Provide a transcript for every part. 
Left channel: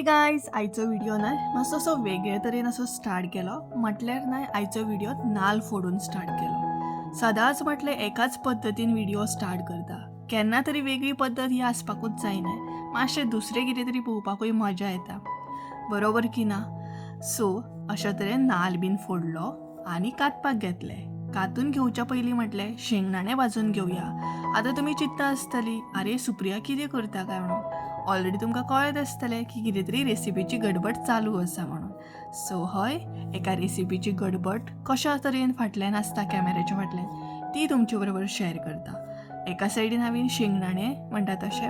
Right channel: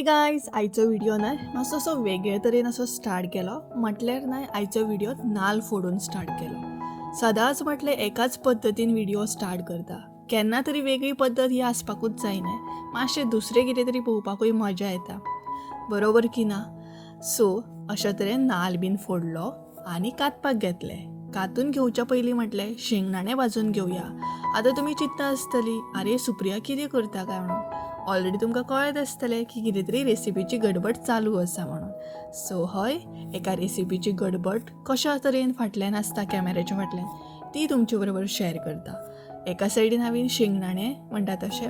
हे गायज, आयचो व्हिडिओ न्हय मातसो असो वेगळे तरेन असो स्टार्ट केलो. म्हटल्यार न्हय आयचो व्हिडिओ नाल्ल फोडून स्टार्ट केलो. सदांच म्हटल्यार एकाच पद्दतीन व्हिडिओ स्टार्ट करता. केन्ना तरी वेगळी पद्दत ही आसपाकूच जाय न्हय. मातशें दुसरें कितें तरी पळोवपाकूय मजा येता, बरोबर की ना? सो अशा तरेन नाल्ल बीन फोडलो आनी कातपाक घेतले. कातून घेवच्या पयलीं म्हटलें शेंगदाणे भाजून घेवया. आतां तुमी चिंतता आसतलीं, आरे सुप्रिया कितें करता काय म्हणून. ऑलरेडी तुमकां कळत आसतलें की कितें तरी रेसिपीची गडबड चालू आसा म्हणून. सो हय, एका रेसिपीची गडबड कशा तरेन फाटल्यान आसता कॅमेऱ्याच्या फाटल्यान ती तुमचे बरोबर शेअर करता. एका सायडीन हांवें शेंगदाणे म्हणटा तशें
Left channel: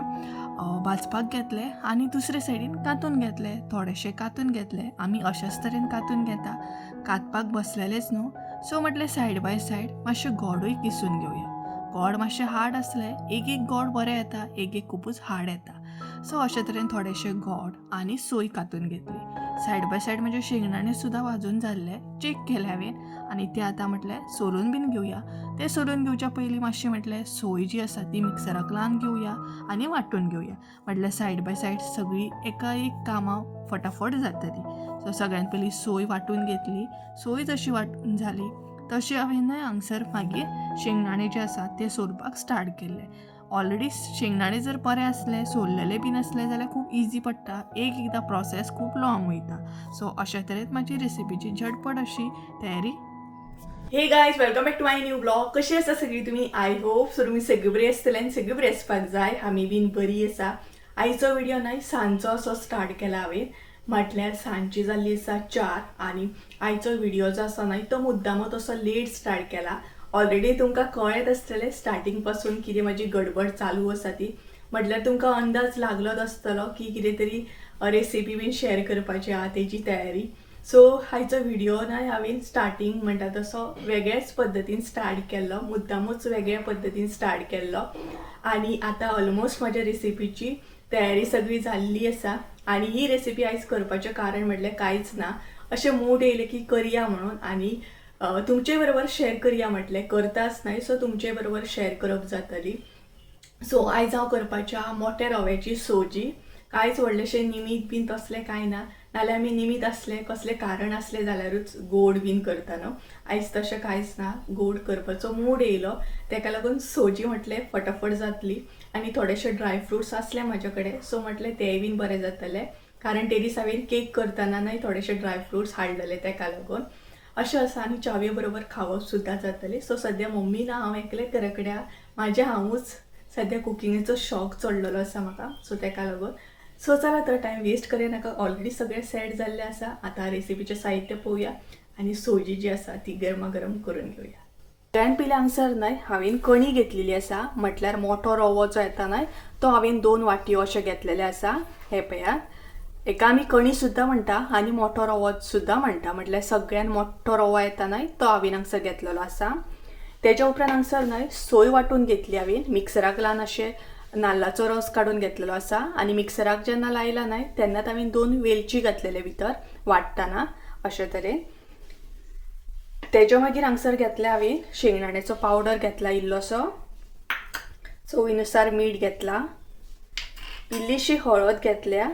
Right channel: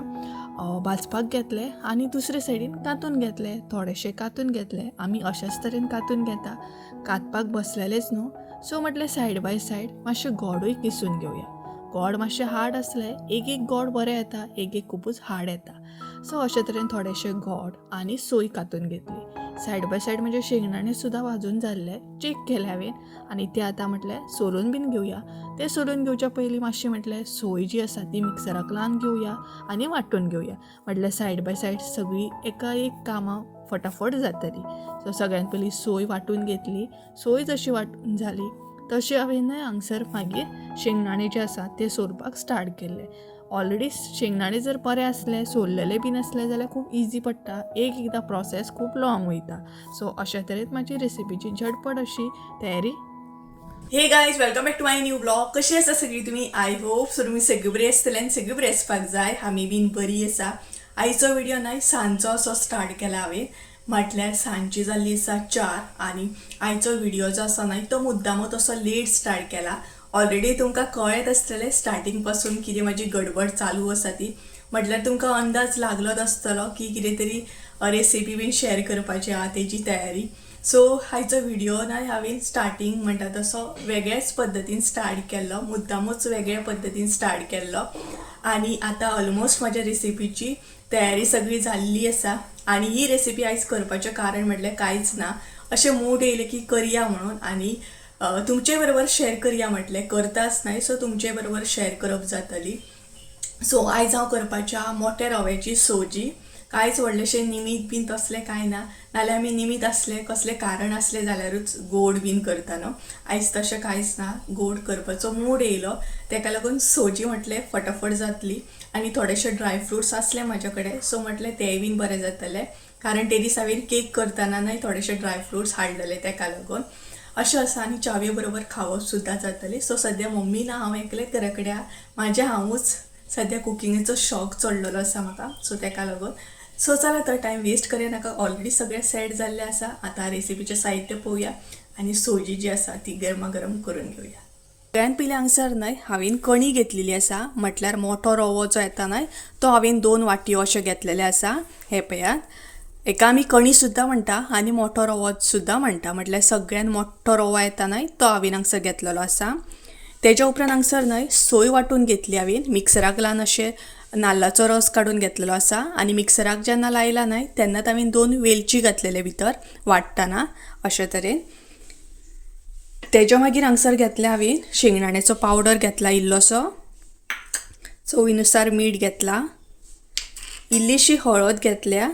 भाजपाक घेतले आनी दुसरे सायडीन कातून घेतले. थोडेशे कातून घेतले. आमी अशाच तरेन कातून घेता. कातपाक बसलेलेच न्हू, सो म्हटलें सायड बाय सायड मातशें गोडूय किसून घेवया. गोड मातशें हार्ड आसलें, एक गोड बरें येता, एक खुबूच हार्ड येता. सो अशे तरेन थोडेशे गोड आनी सोय कातून घेतली. सायड बाय सायड म्हणजे शेंगदाणे सुद्दां भाजून जाल्ले चेक केले हांवें आनी ते आतां म्हटलें सोलून बीन घेवया. ते सोलून घेवच्या पयलीं मातशें म्हटलें सोय जी आसा ती मिक्सराक लावन घेवया आनी वांटून घेवया. म्हटल्यार सायड बाय सायड सगळीं एका एक कामां फटाफट जातली. सो सगळ्यान पयलीं सोय वांटून घेतली. सोय जशी वांटून जाली तशें हांवें हांगसर मागीर शेंगदाणे जे आसा ते सोलपाक स्टार्ट केले. ऑलरेडी शेंगदाणे जर बरे असले, सोललेले बीन असले जाल्यार खूब इजी पडटा. एकदां प्रोसेस खूब लॉंग वयता. सो अशा तरेन म्हाजी रेसिपीची झटपट अशी तयारी. Hey guys, welcome back to my new blog. कशी आसा सगळीं तुमी? आय होप सो तुमी सगळीं बरी आसतले आनी सगळीं बरी आसपाक जाय. आमी बीन बरी आसा. आयचो व्हिडिओ न्हय सांजचो असो स्टार्ट केला हांवें. म्हटल्यार सांजची जाल्ली आसा 4 आनी आयचो व्हिडिओ जो आसा न्हय तो मुद्दामूच असो लेट स्टार्ट केला. ऑलरेडी तुमकां कळत आसतलें स्टार्टींग पासून कितें म्हाजी गडबड चालू आसा ती. म्हटल्यार तुमकां अंदाज लागलोच आसतलो की कितें तरी रेसिपी बीन शेअर करपाची आहा तेजी तयारी. सो आयचो व्हिडिओ न्हय हांवें स्टार्टींग म्हणटा तसो वेगळ्याच पद्दतीन स्टार्ट केल्लो, मुद्दामूच वेगळ्या पद्दतीन स्टार्ट केल्लो. आनी आतां ऑलमोस्ट म्हाज्या रेसिपीची तयारी सगळी जाल्ली आसा. आनी ही रेसिपी आयज करपाचें कारण म्हटल्यार कांयच ना, अशें मूड येयलें की करया म्हणून आनी तुमचे बरोबर शेअर करया म्हटलें. करताच न्हय, सो तुमचे बरोबर शेअर करप जातली. सो आयज हांव करपाच्या मोठ्या रव्याची सोजी. कांयच व्हडलेशें निमीत बीन तसलें कांय ना. नाल्यार आमी निमीत आसलें कसलें कारण आसलें जाल्यारूच गोड बीन करता न्हू. आयज तशें कांयच ना. गोड करपाचो मूड येयलो, तेका लागून सोजी म्हटलें फटाफट जातली. आनी थोडेशे ड्रायफ्रुट्स आसले म्हाजे कडेन, सो म्हटलें तेय बीन बरें जातलें. कारण ते दीस हांवें केक करतना न्हय थोडेशे ड्रायफ्रुट्स हाडलेले तेका लागून. अशें आसा आनी च्यावे बरोबर खावप सुद्दां जातलें. सो सद्या मम्मी ना, हांव एकलेंच घरा कडेन. म्हाजें हांवूच सद्या कुकिंगेचो शॉक चडलेलो आसा म्हाका, सो तेका लागून. सो चला तर टायम वेस्ट करूया नाका. ऑलरेडी सगळें सेट जाल्लें आसा. आतां रेसिपीचें साहित्य पळोवया आनी सोजी जी आसा ती गरमागरम करून घेवया. सगळ्यान पयलीं हांगसर न्हय हांवें कणी घेतलेली आसा. म्हटल्यार मोठो रवो जो येता न्हय तो हांवें 2 वाटयो अशें घेतलेले आसा. हे पळयात, एका आमी कणी सुद्दां म्हणटा आनी मोठो रवो सुद्दां म्हणटा. म्हटल्यार सगळ्यान मोठो रवो येता न्हय तो हांवें हांगसर घेतलेलो आसा. तेज्या उपरांत हांगसर न्हय सोय वांटून घेतली हांवें. मिक्सराक लावन अशें नाल्लाचो रस काडून घेतलेलो आसा. आनी मिक्सराक जेन्ना लायला न्हय तेन्नाच हांवें 2 वेलची घातलेले भितर वाटतना अशे तरेन. तेज्या मागीर हांगसर घेतले हांवें शेंगदाण्याचो पावडर घेतला इल्लोसो. चवीनुसार मीठ घेतला. इल्लीशी हळद घेतल्या.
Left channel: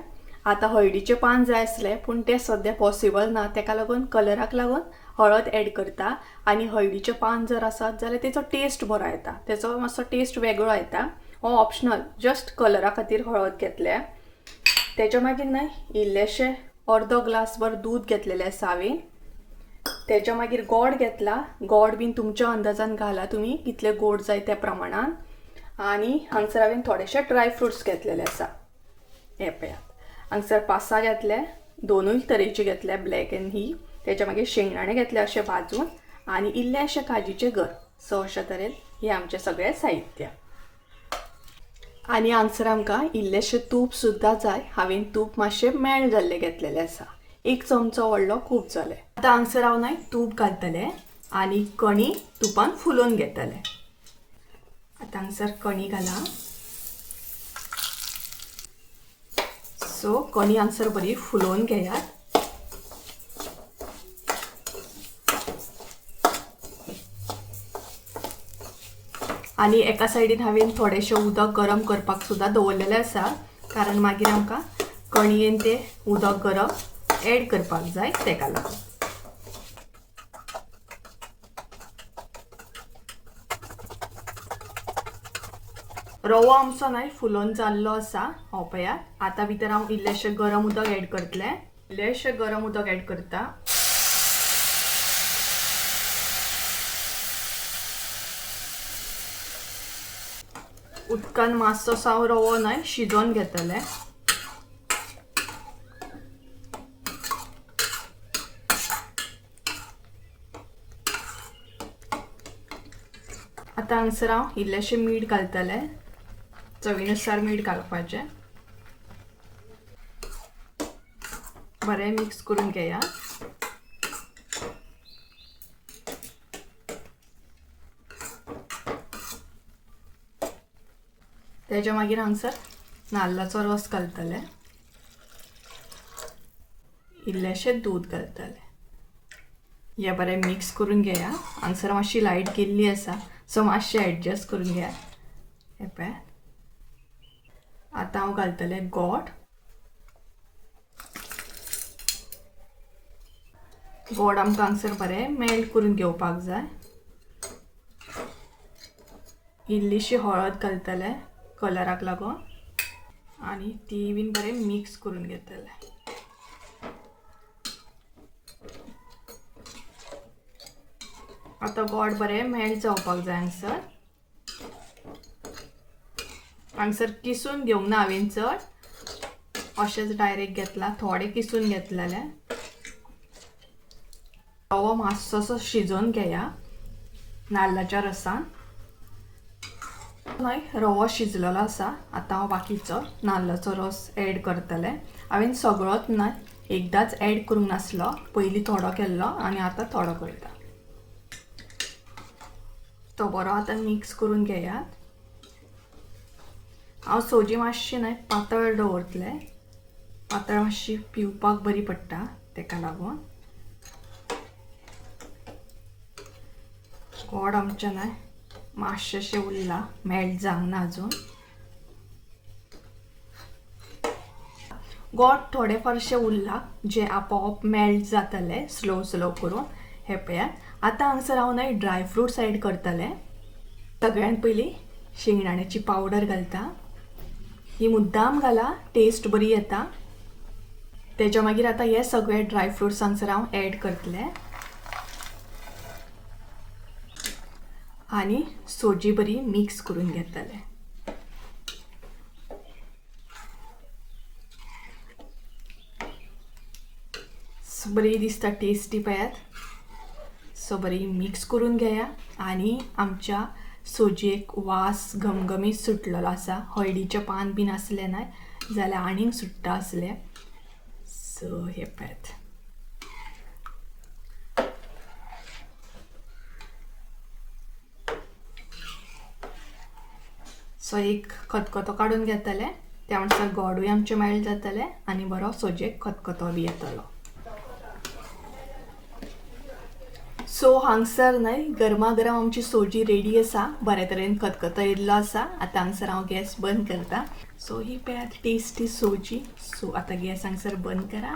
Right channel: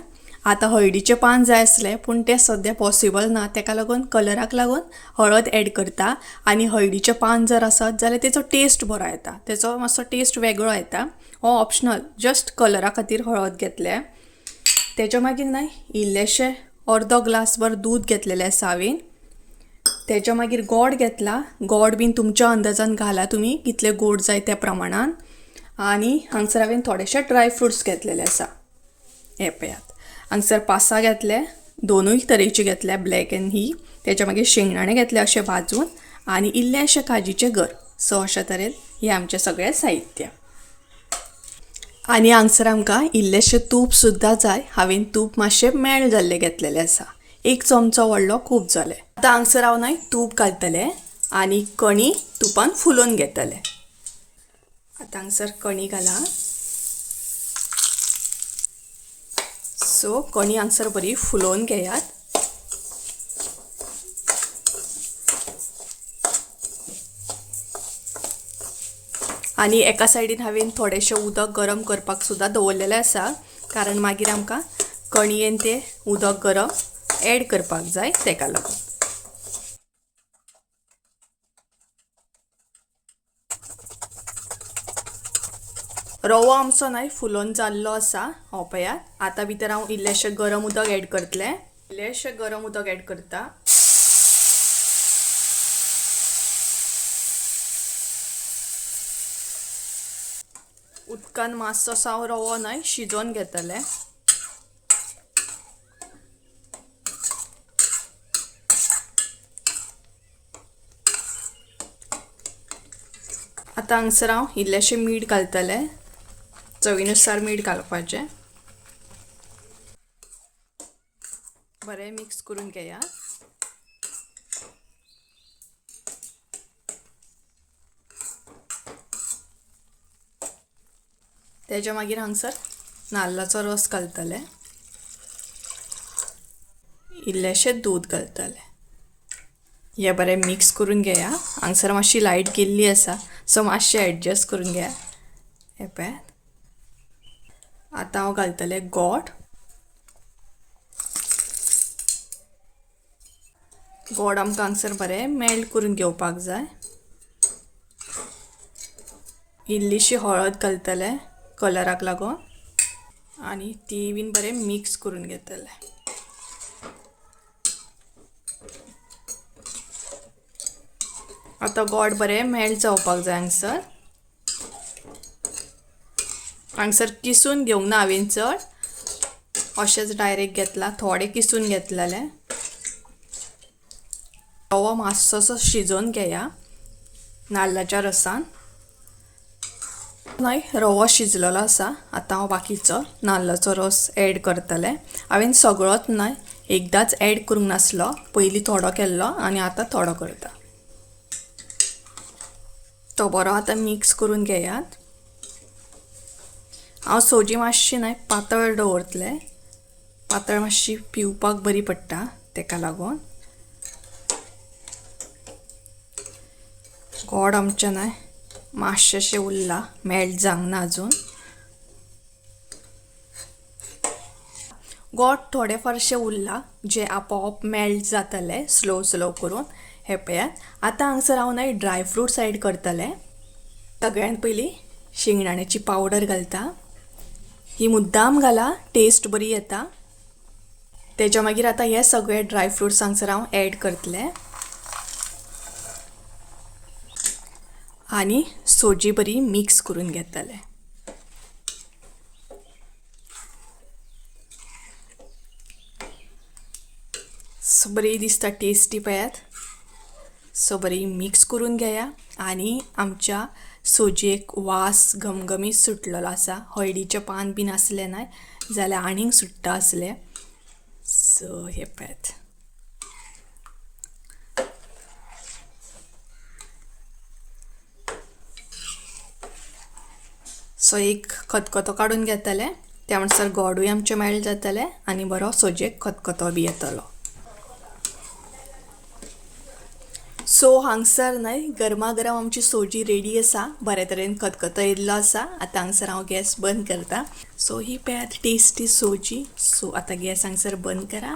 आतां हळदीचे पान जाय आसले पूण ते सद्या पॉसिबल ना, तेका लागून कलराक लागून हळद एड करता. आनी हळदीचे पान जर आसत जाल्यार तेचो टेस्ट बरो येता, तेचो मातसो टेस्ट वेगळो येता. हो ऑप्शनल, जस्ट कलरा खातीर हळद घेतल्या. तेज्या मागीर न्हय इल्लेशें अर्दो ग्लासभर दूद घेतलेलें आसा हांवें. तेज्या मागीर गोड घेतला. गोड बीन तुमच्या अंदाजान घाला तुमी कितले गोड जाय त्या प्रमाणान. आनी हांगसर हांवें थोडेशे ड्रायफ्रुट्स घेतलेले आसा. हे पळयात, हांगसर 5-6 घेतले, 2 तरेची घेतल्या, ब्लॅक एंड ही. तेज्या मागीर शेंगदाणे घेतले अशें भाजून आनी इल्लेशे काजीचे गर. सो अशे तरेन हे आमचें सगळें साहित्य. आनी हांगसर आमकां इल्लेशें तूप सुद्दां जाय. हांवें तूप मातशें मेल्ट जाल्लें घेतलेलें आसा. 1 चमचो व्हडलो खूब जालें. आतां हांगसर हांव न्हय तूप घालतलें आनी कणी तुपान फुलोवन घेतलें. आतां हांगसर कणी घाला. सो कणी हांगसर बरी फुलोवन घेयात. आनी एका सायडीन हांवें थोडेशें उदक गरम करपाक सुद्दां दवरलेलें आसा. कारण मागीर आमकां कणयेन ते उदक गरम ॲड करपाक जाय तेका लागून. रवो आमचो न्हय फुलोवन जाल्लो आसा. हो पळयात. आतां भितर हांव इल्लेशें गरम उदक ॲड करतलें. इल्लेशें गरम उदक ॲड करता. उदकान मातसो हांव रवो न्हय शिजोवन घेतलें. आतां हांगसर हांव इल्लेशें मीठ घालतलें. चवीनुसार मीठ घालपाचें. बरें मिक्स करून घेया. तेच्या मागीर हांगसर नाल्लाचो रस घालतलें. इल्लेशें दूद घालतलें. हे बरें मिक्स करून घेया. हांगसर मातशी लायट गेल्ली आसा सो मातशें एडजस्ट करून घेया. हे पळयात. आतां हांव घालतलें गोड. गोड आमकां हांगसर बरें मेल्ट करून घेवपाक जाय. इल्लीशी हळद घालतलें कलराक लागून आनी ती बीन बरें मिक्स करून घेतलें. आतां गोड बरें मेल्ट जावपाक जाय हांगसर. हांगसर किसून घेवंक ना हांवें चड. अशेंच डायरेक्ट घेतला. थोडें किसून घेतलेलें. रवो मातसोसो शिजोवन घेया नाल्लाच्या रसान. न्हय रवो शिजलेलो आसा. आतां हांव बाकीचो नाल्लाचो रस ॲड करतलें. हांवें सगळोच न्हय एकदांच ॲड करूंक नासलो. पयलीं थोडो केल्लो आनी आतां थोडो करता. तो बरो आतां मिक्स करून घेयात. हांव सोजी मातशी न्हय पातळ दवरतलें. पातळ मातशी पिवपाक बरी पडटा तेका लागून. गोड आमचें न्हय मातशेंशें उरलां. मेल्ट जावंक ना अजून. गोड थोडें फारशें उरलां जें आपोआप मेल्ट जातलें स्लो स्लो करून. हे पळयात. आतां हांगसर हांव न्हय ड्राय फ्रुट्स ॲड करतलें. सगळ्यांत पयलीं शेंगदाण्याची पावडर घालता. ही मुद्दाम घाला टेस्ट बरी येता. तेच्या मागीर आतां हे सगळे ड्राय फ्रुट्स हांगसर हांव ॲड करतलें. आनी सोजी बरी मिक्स करून घेतलें. सो बरी दिसता टेस्टी पळयात. सो बरी मिक्स करून घेया. आनी आमच्या सोजयेक वास घमघमीत सुटलेलो आसा. हळदीचें पान बीन आसलें न्हय जाल्यार आनीक सुट्टा आसलें. सो हे पळयात. सो एक खतखतो काडून घेतलें. त्या म्हणसर गोडूय आमचें मेल्ट जातलें आनी बरो सोजयेक खतखतो बी येतलो. सो हांगसर न्हय गरमागरम आमची सोजी रेडी आसा. बरे तरेन खतखतो येयल्लो आसा. आतां हांगसर हांव गॅस बंद करता. सो ही पळयात टेस्टी सोजी. सो आतां गॅस हांगसर बंद करा.